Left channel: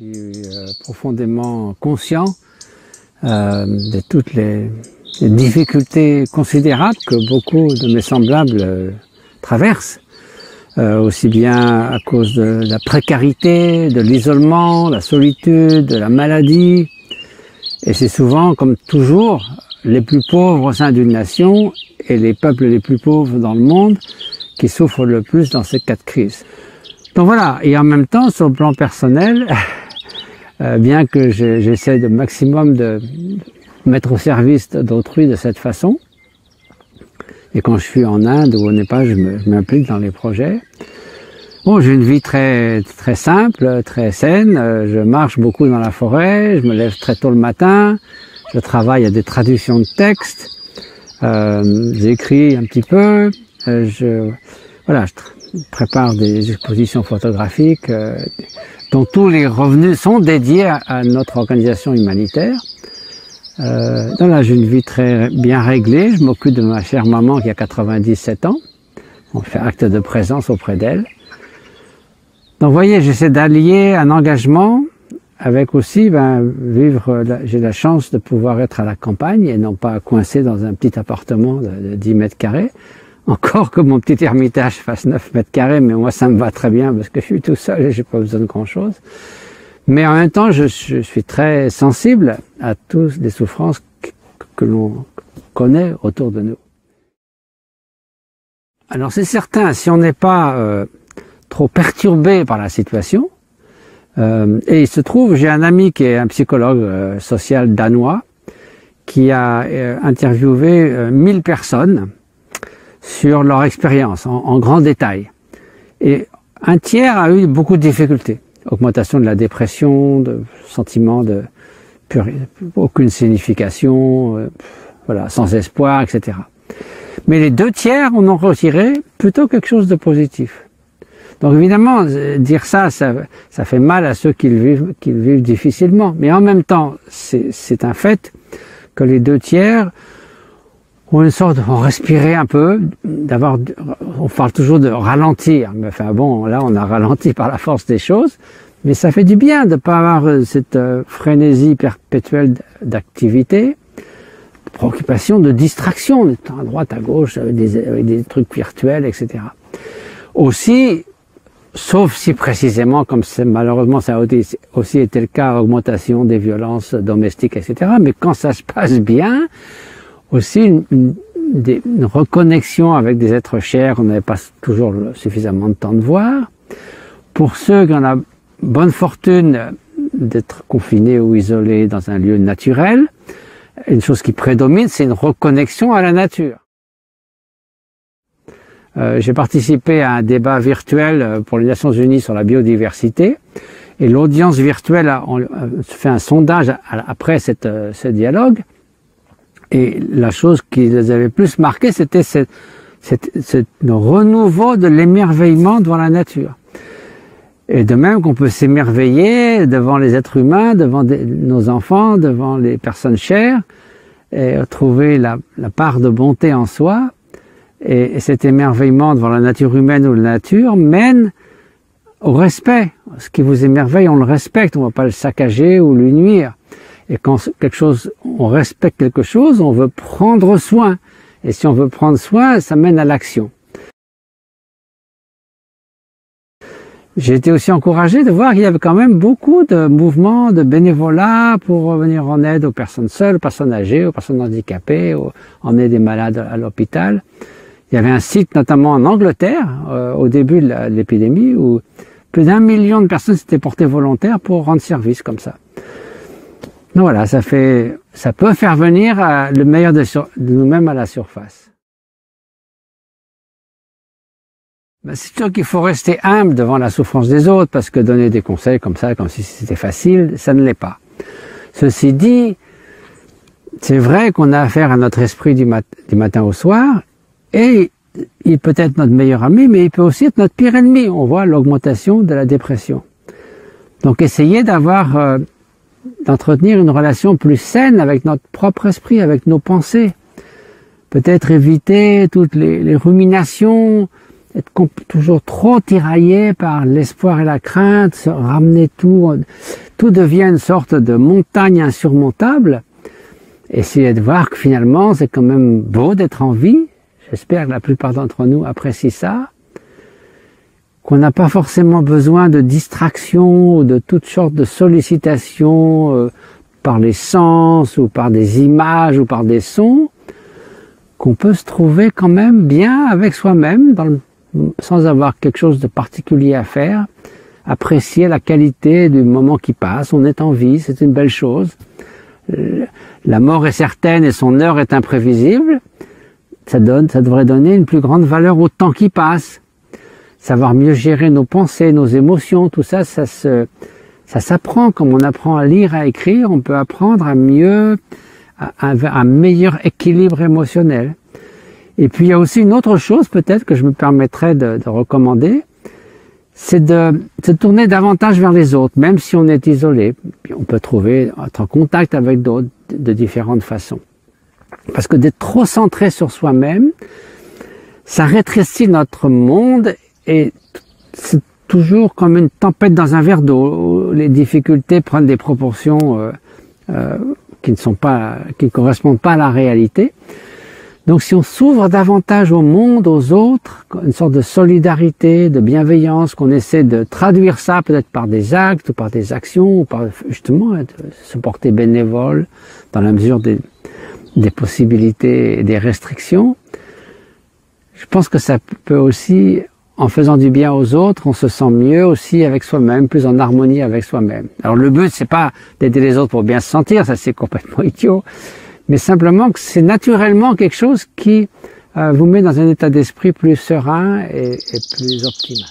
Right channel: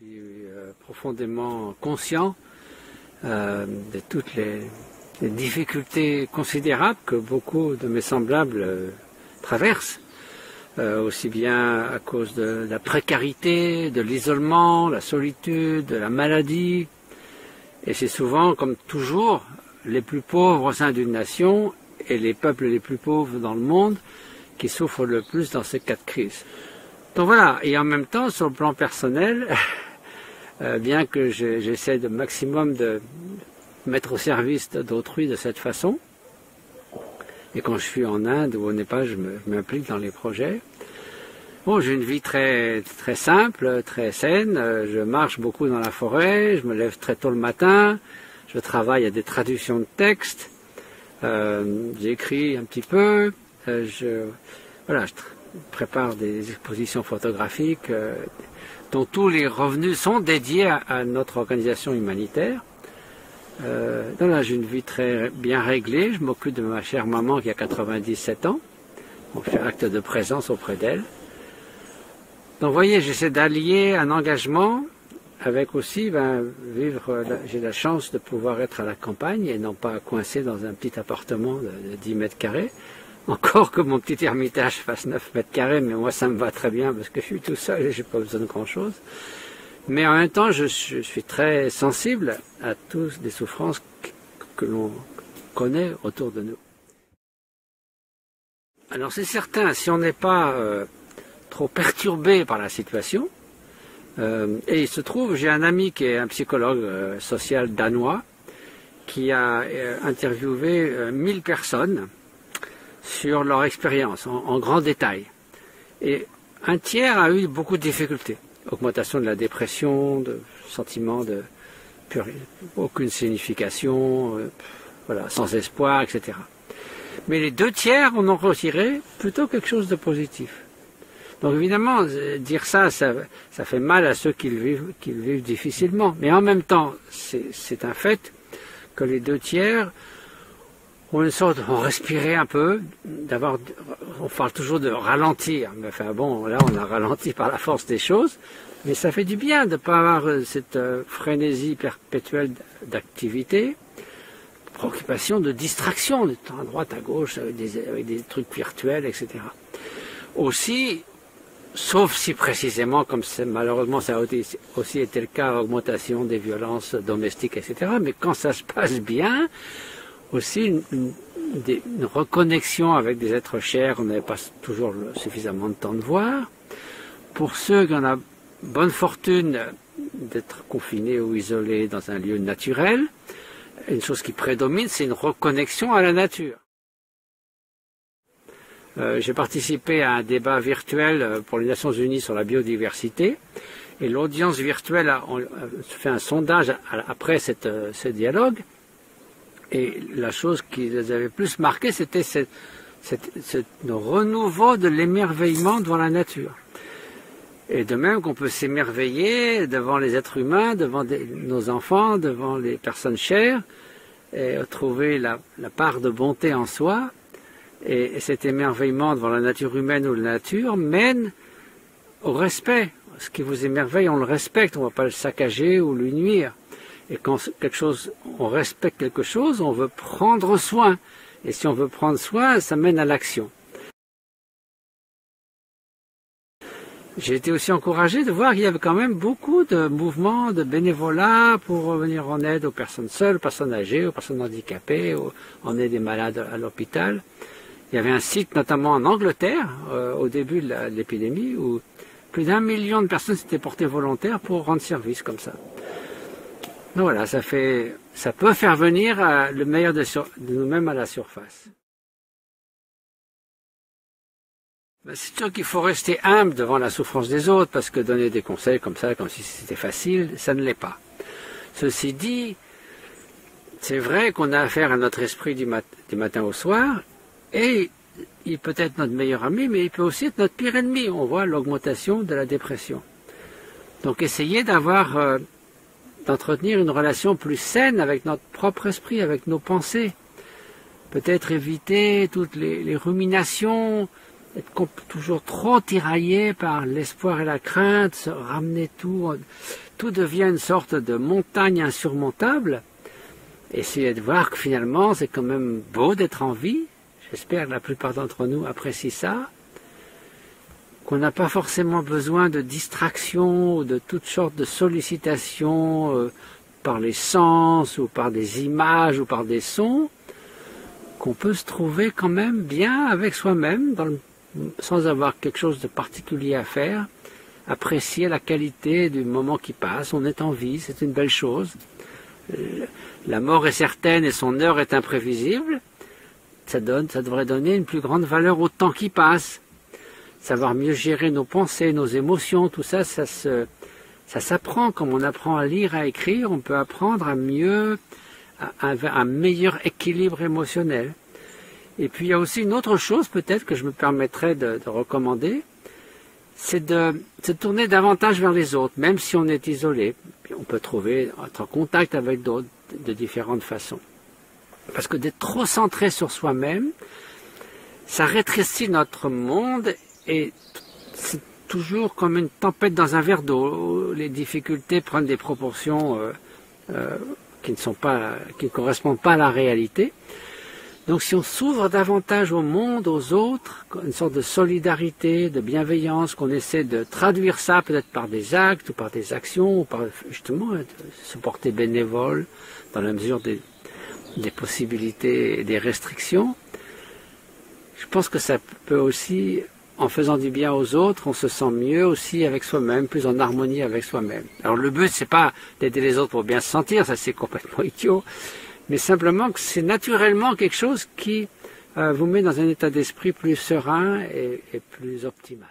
Je suis profondément conscient de toutes les difficultés considérables que beaucoup de mes semblables traversent, aussi bien à cause de la précarité, de l'isolement, la solitude, de la maladie. Et c'est souvent, comme toujours, les plus pauvres au sein d'une nation et les peuples les plus pauvres dans le monde qui souffrent le plus dans ces cas de crise. Donc voilà, et en même temps, sur le plan personnel, bien que j'essaie de maximum de mettre au service d'autrui de cette façon, et quand je suis en Inde ou au Népal, je m'implique dans les projets. Bon, j'ai une vie très simple, très saine. Je marche beaucoup dans la forêt, je me lève très tôt le matin, je travaille à des traductions de textes, j'écris un petit peu, je prépare des expositions photographiques dont tous les revenus sont dédiés à notre organisation humanitaire. Donc là, j'ai une vie très bien réglée. Je m'occupe de ma chère maman qui a 97 ans. On fait acte de présence auprès d'elle. Donc vous voyez, j'essaie d'allier un engagement avec aussi j'ai la chance de pouvoir être à la campagne et non pas coincé dans un petit appartement de 10 mètres carrés. Encore que mon petit ermitage fasse 9 mètres carrés, mais moi ça me va très bien parce que je suis tout seul et j'ai pas besoin de grand chose. Mais en même temps, je suis très sensible à toutes les souffrances que l'on connaît autour de nous. Alors c'est certain, si on n'est pas trop perturbé par la situation, et il se trouve, j'ai un ami qui est un psychologue social danois, qui a interviewé 1000 personnes sur leur expérience en grand détail. Et un tiers a eu beaucoup de difficultés. Augmentation de la dépression, de sentiment de aucune signification, sans espoir, etc. Mais les 2 tiers en ont retiré plutôt quelque chose de positif. Donc évidemment, dire ça fait mal à ceux qui le vivent difficilement. Mais en même temps, c'est un fait que les 2 tiers ont ont respiré un peu, on parle toujours de ralentir. Mais enfin bon, là on a ralenti par la force des choses. Mais ça fait du bien de ne pas avoir cette frénésie perpétuelle d'activité, de préoccupation, de distraction, de temps à droite, à gauche, avec des trucs virtuels, etc. Aussi, sauf si précisément, comme malheureusement ça a aussi été le cas, augmentation des violences domestiques, etc. Mais quand ça se passe bien, aussi une reconnexion avec des êtres chers qu'on n'avait pas toujours suffisamment de temps de voir. Pour ceux qui ont la bonne fortune d'être confinés ou isolés dans un lieu naturel, une chose qui prédomine, c'est une reconnexion à la nature. J'ai participé à un débat virtuel pour les Nations Unies sur la biodiversité, et l'audience virtuelle a fait un sondage après ce dialogue, et la chose qui les avait plus marqués, c'était ce renouveau de l'émerveillement devant la nature. Et de même qu'on peut s'émerveiller devant les êtres humains, devant nos enfants, devant les personnes chères, et trouver la part de bonté en soi. Et cet émerveillement devant la nature humaine ou la nature mène au respect. Ce qui vous émerveille, on le respecte, on ne va pas le saccager ou lui nuire. Et quand on respecte quelque chose, on veut prendre soin. Et si on veut prendre soin, ça mène à l'action. J'ai été aussi encouragé de voir qu'il y avait quand même beaucoup de mouvements de bénévolat pour venir en aide aux personnes seules, aux personnes âgées, aux personnes handicapées, en aide des malades à l'hôpital. Il y avait un site notamment en Angleterre, au début de l'épidémie, où plus d'1 million de personnes s'étaient portées volontaires pour rendre service comme ça. Donc voilà, ça peut faire venir le meilleur de nous-mêmes à la surface. C'est sûr qu'il faut rester humble devant la souffrance des autres, parce que donner des conseils comme ça, comme si c'était facile, ça ne l'est pas. Ceci dit, c'est vrai qu'on a affaire à notre esprit du matin au soir, et il peut être notre meilleur ami, mais il peut aussi être notre pire ennemi. On voit l'augmentation de la dépression. Donc essayez d'entretenir une relation plus saine avec notre propre esprit, avec nos pensées. Peut-être éviter toutes les ruminations, être toujours trop tiraillé par l'espoir et la crainte, se ramener tout, tout devient une sorte de montagne insurmontable. Essayez de voir que finalement, c'est quand même beau d'être en vie. J'espère que la plupart d'entre nous apprécient ça. Qu'on n'a pas forcément besoin de distractions ou de toutes sortes de sollicitations par les sens ou par des images ou par des sons, qu'on peut se trouver quand même bien avec soi-même, sans avoir quelque chose de particulier à faire, apprécier la qualité du moment qui passe. On est en vie, c'est une belle chose. La mort est certaine et son heure est imprévisible. Ça devrait donner une plus grande valeur au temps qui passe. Savoir mieux gérer nos pensées, nos émotions, tout ça, ça s'apprend. Comme on apprend à lire, à écrire, on peut apprendre à un meilleur équilibre émotionnel. Et puis il y a aussi une autre chose peut-être que je me permettrais de recommander, c'est de se tourner davantage vers les autres, même si on est isolé. On peut être en contact avec d'autres de différentes façons. Parce que d'être trop centré sur soi-même, ça rétrécit notre monde et c'est toujours comme une tempête dans un verre d'eau. Les difficultés prennent des proportions qui ne correspondent pas à la réalité. Donc si on s'ouvre davantage au monde, aux autres, une sorte de solidarité, de bienveillance, qu'on essaie de traduire ça peut-être par des actes, ou par des actions, ou par justement se porter bénévole dans la mesure des possibilités et des restrictions, je pense que ça peut aussi, en faisant du bien aux autres, on se sent mieux aussi avec soi-même, plus en harmonie avec soi-même. Alors le but, c'est pas d'aider les autres pour bien se sentir, ça c'est complètement idiot, mais simplement que c'est naturellement quelque chose qui vous met dans un état d'esprit plus serein et plus optimal.